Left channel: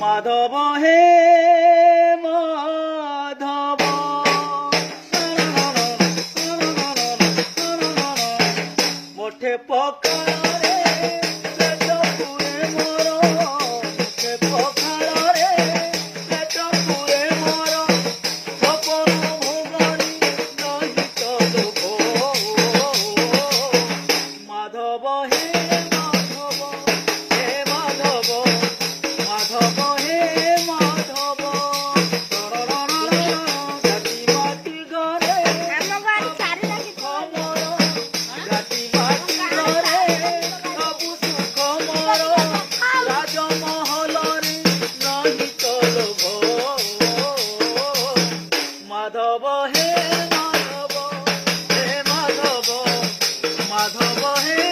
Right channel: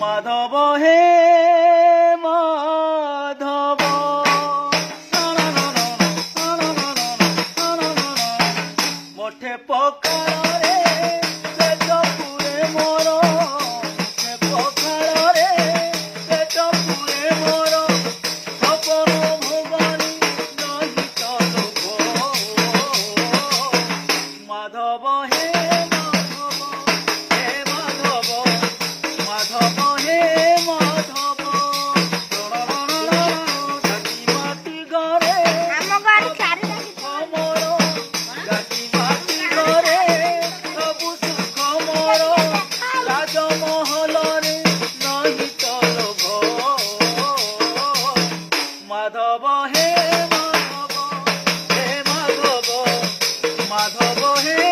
মাধব হে মাধব মোঠে পকড়ে পেট পুরে মোর মোঠে পকড়ে পেট পুরে মোর স্বপন ভুবনী নহি তব মাধব হে মাধব হে মাধব মাধব হে মাধব গাটি মাটি ঘরে গাটি মাটি ঘরে সবু সুখ মোর রাজমহলরে নহি তলভ মাধব হে মাধব হে মাধব মাধব হে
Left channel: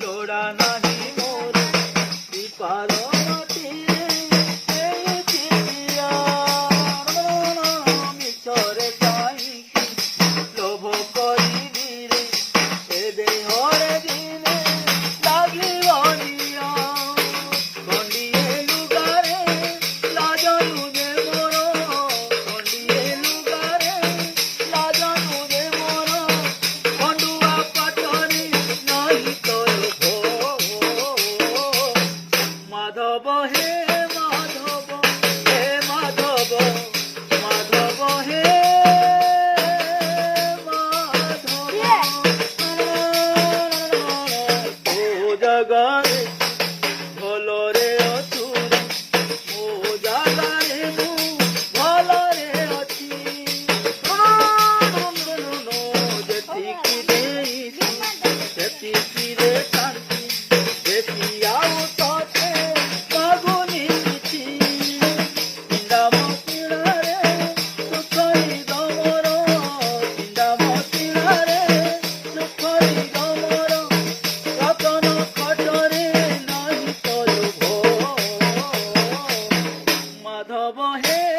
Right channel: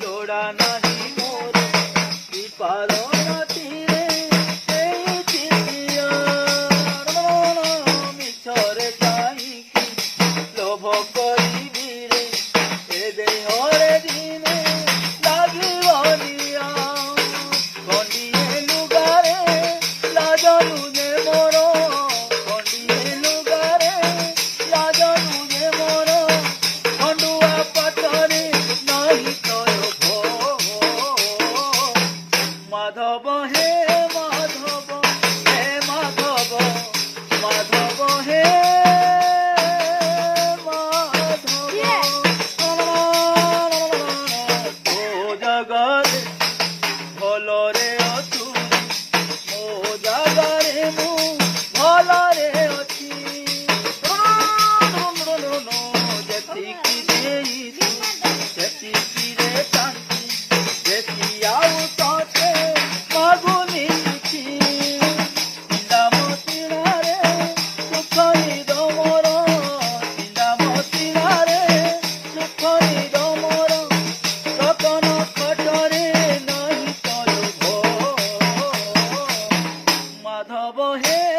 লোড়া নাহি মোর কৃপার তীরে এই চিঠিয়া মিছরে চাহিকি লোভ করিবি রে এ দেহরে দিনে লাগিবনিয়া খণ্ডিয়ে লুগারে লাজ লুজে মোর খণ্ডিয়ে লুগারে লাজ লুজে মোর খଣ୍ଡୁଆ ପାଟରେ ନାହିଁ ତୋର ମାଧବ ହେ ମାଧବ ହେ ମାଧବ ମାଧବ ହେ ମାଧବ ଓ ଜଗରେ ଭଲରେ ଅଛୁ ମୋ ଜାଗାରେ ମୁଁ ଭଲରେ ଅଛି ଯେତିକି ଦେଇଛି ସେତିକିରେ ଶାନ୍ତି ବେଶୀ ଆଉ ତତେ ମାଗୁନି କିଛି ଚିନ୍ତା ମତିଣାରେ ସୁଖଇ ଦମର ଚିନ୍ତା ମତିଣାରେ ସୁଖଇ ଦମର ରତନ କଟରେ ନାହିଁ ତୋର ମାଧବ ହେ